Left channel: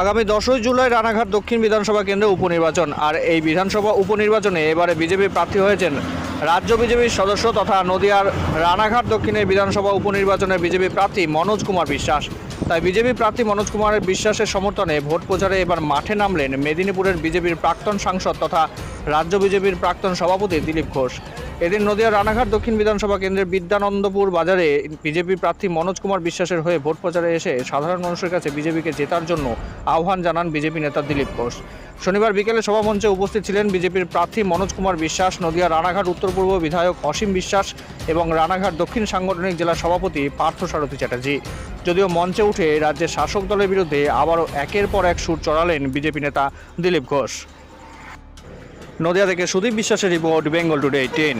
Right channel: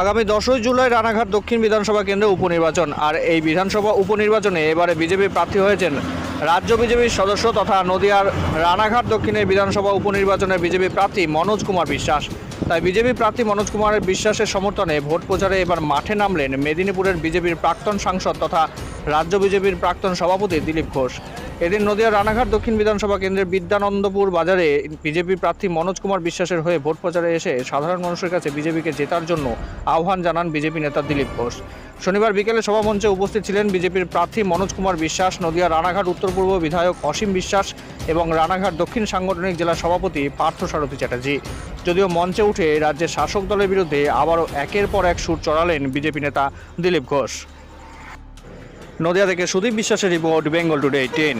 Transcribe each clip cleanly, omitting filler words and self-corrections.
আগামী 10ই জুলাই রানাঘাট দক্ষিণ বিধানসভা কেন্দ্রে উপনির্বাচন। আর এই বিধানসভা উপনির্বাচনে এবারে বিজেপি প্রার্থী হয়েছেন রাজ্য বিজেপির সদস্য তথা নদিয়ার রানাঘাট দক্ষিণের বিধানসভা উপনির্বাচনে বিজেপি প্রার্থী মনোজ কুমার বিশ্বাস। তাই বিজেপি প্রার্থী মনোজ কুমারের বিশ্বাসের সমর্থনে ভোট প্রচারে এবার মাঠে নামলেন মেদিনীপুরের বিজেপির প্রাক্তন সাংসদ তথা রাজ্য বিজেপির প্রাক্তন সভাপতি দিলীপ ঘোষ। এদিন নদিয়ার রানাঘাট দক্ষিণ বিধানসভা কেন্দ্রের বিদ্যানন্দপুর বাজারে বিজেপি প্রার্থী মনোজ কুমার বিশ্বাসের হয়ে ভোট প্রচারে এসে সাধারণ মানুষের কাছে বিজেপিকে জেতার জন্য আহ্বান জানান বিজেপি নেতা দিলীপ ঘোষ। শনিবার বিকেলে সভামঞ্চে উপস্থিত ছিলেন বিজেপির প্রার্থী মনোজ কুমার বিশ্বাস, নদিয়া রানাঘাট উত্তর পূর্ব বিধায়ক অসীম বিশ্বাস এবং রানাঘাট দক্ষিণ সাংগঠনিক জেলা সভাপতি পার্থসারথী চ্যাটার্জি। যদিও মঞ্চে উঠে রাজ্যের শাসক দলের বিরুদ্ধে আবারও একের পর এক সুর চড়ালেন বিজেপি নেতা দিলীপ ঘোষ। নদিয়া থেকে সুদীপ বিশ্বাসের রিপোর্ট, বেঙ্গল টুডে 10।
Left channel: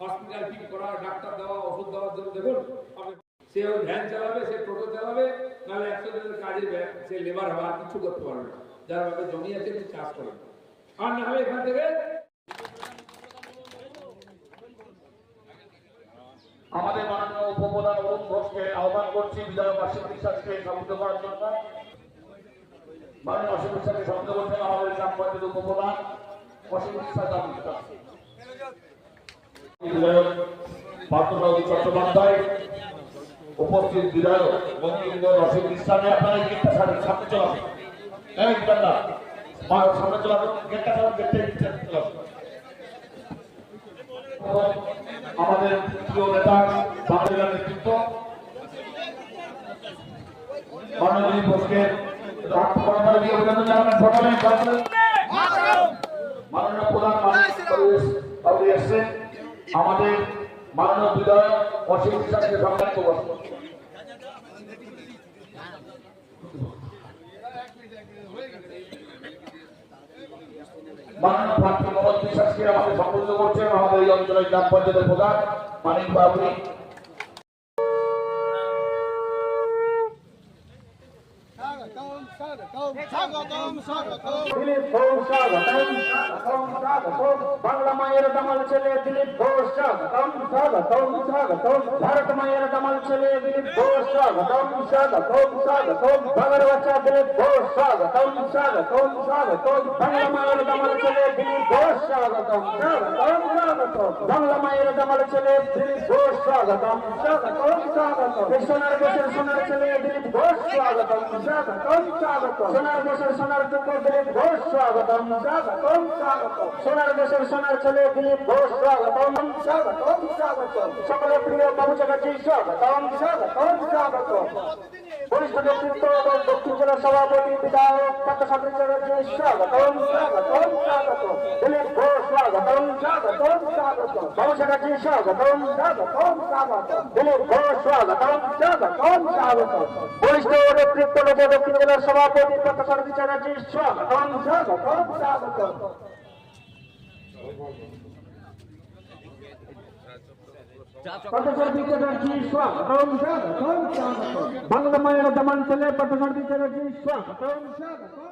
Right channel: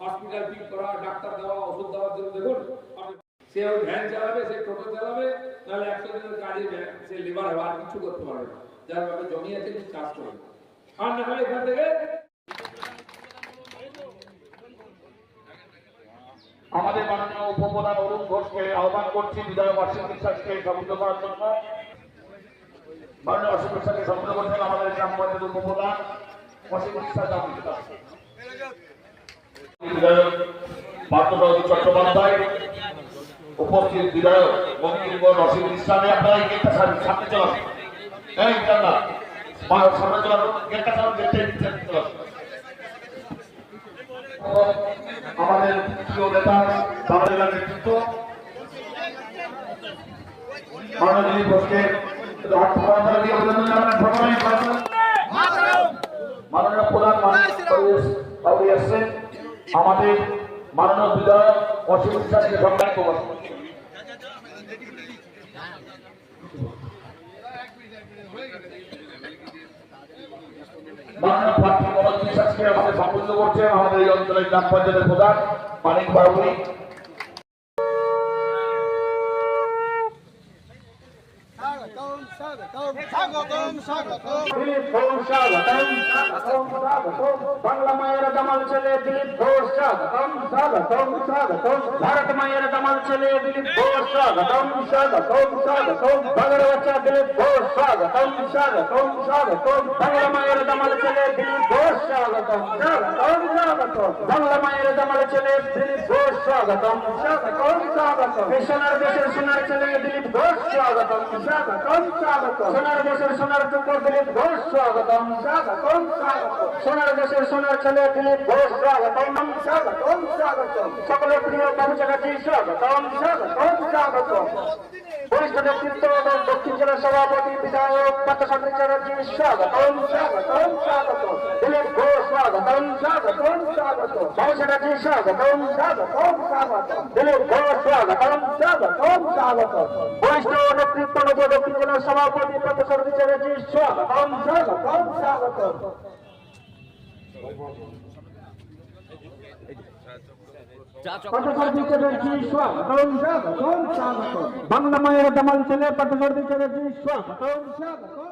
হসপিটাল ঠিক করা, ডাক্তার দেওয়া, ওষুধ দেওয়ার জন্য দেখুন সে ওর ভ্যান চালাবে, সে টোটো চালাবে, নাহলে 100 দিনের কাজে সে লেবার হবে, আর কিছু করতে পারবে না। যার ভাবে জমি আছে সে চাষ করবে। আর না হলে এখান থেকে আমাদের মাননীয় উপপ্রধান অরুণ ঘোষকে আহ্বান করছি বিধায়ক অসীম বিশ্বাসকে সমর্থন করার জন্য। মাননীয় অসীম বিশ্বাসকে সমর্থন করছেন আমাদের গ্রাম পঞ্চায়েত উপপ্রধান অসীম বিশ্বাস বিধায়ক পার্থসারথী চট্টোপাধ্যায়, উপস্থিত বিধায়ক বঙ্কিমগড় অসীম বিশ্বাসে আপনারা এই গেটটা সামনে চলান, এই দাদা সামনে চলান, গেটটা চলান, গেটটা চলান। আমাদের প্রিয় নেতা দামের নেতৃত্ব মাননীয় দিলীপ ঘোষকে মাননীয় প্রধান এসছেন আমাদের মাননীয় বিধায়ক অসীম বিশ্বাসকে সম্মান করবেন। মাননীয় প্রার্থী মনোজ বিশ্বাসকে আমাদের সম্বোধন করছেন আমাদের এই অঞ্চলের গ্রাম পঞ্চায়েতের প্রধান মানিক বাবু। বাংলা মায়ের দামাল ছেলে দিলীপ ঘোষ স্বাগতম স্বাগতম স্বাগতম, ভারত মায়ের দামাল ছেলে দিলীপ ঘোষ স্বাগতম স্বাগতম স্বাগতম, বাংলার বাচ্চা দিলীপ ঘোষ স্বাগতম স্বাগতম স্বাগতম, বাংলা মায়ের দামাল ছেলে দিলীপ ঘোষ স্বাগতম স্বাগতম স্বাগতম, বাংলা মায়ের দামাল ছেলে দিলীপ ঘোষ স্বাগতম স্বাগতম স্বাগতম, সোনার দেশের সোনার ছেলে দিলীপ ঘোষ স্বাগতম স্বাগতম স্বাগতম, সোনার দেশের সোনার টুকর দিলীপ ঘোষ স্বাগতম স্বাগতম স্বাগতম, সোনার দেশের সোনার ছেলে দিলীপ ঘোষ স্বাগতম স্বাগতম স্বাগতম, সকলের প্রিয় বাবু চ্যাটার্জি স্বাগতম স্বাগতম স্বাগতম, বরিষ্ঠ নেতৃত্ব দক্ষিণ জেলা সভাপতি বিধায়ক পার্থসারথী চ্যাটার্জি স্বাগতম স্বাগতম স্বাগতম, দিলীপ ঘোষ স্বাগতম স্বাগতম স্বাগতম, বাবু চ্যাটার্জি স্বাগতম স্বাগতম স্বাগতম, দিলীপ ঘোষ স্বাগতম স্বাগতম স্বাগতম, বরিষ্ঠ নেতৃত্ব দক্ষিণ জেলার সভাপতি পার্থসারথী চ্যাটার্জি স্বাগতম স্বাগতম স্বাগতম। বাংলা মায়ের দামাল ছেলে পার্থসারথী চ্যাটার্জি স্বাগতম স্বাগতম।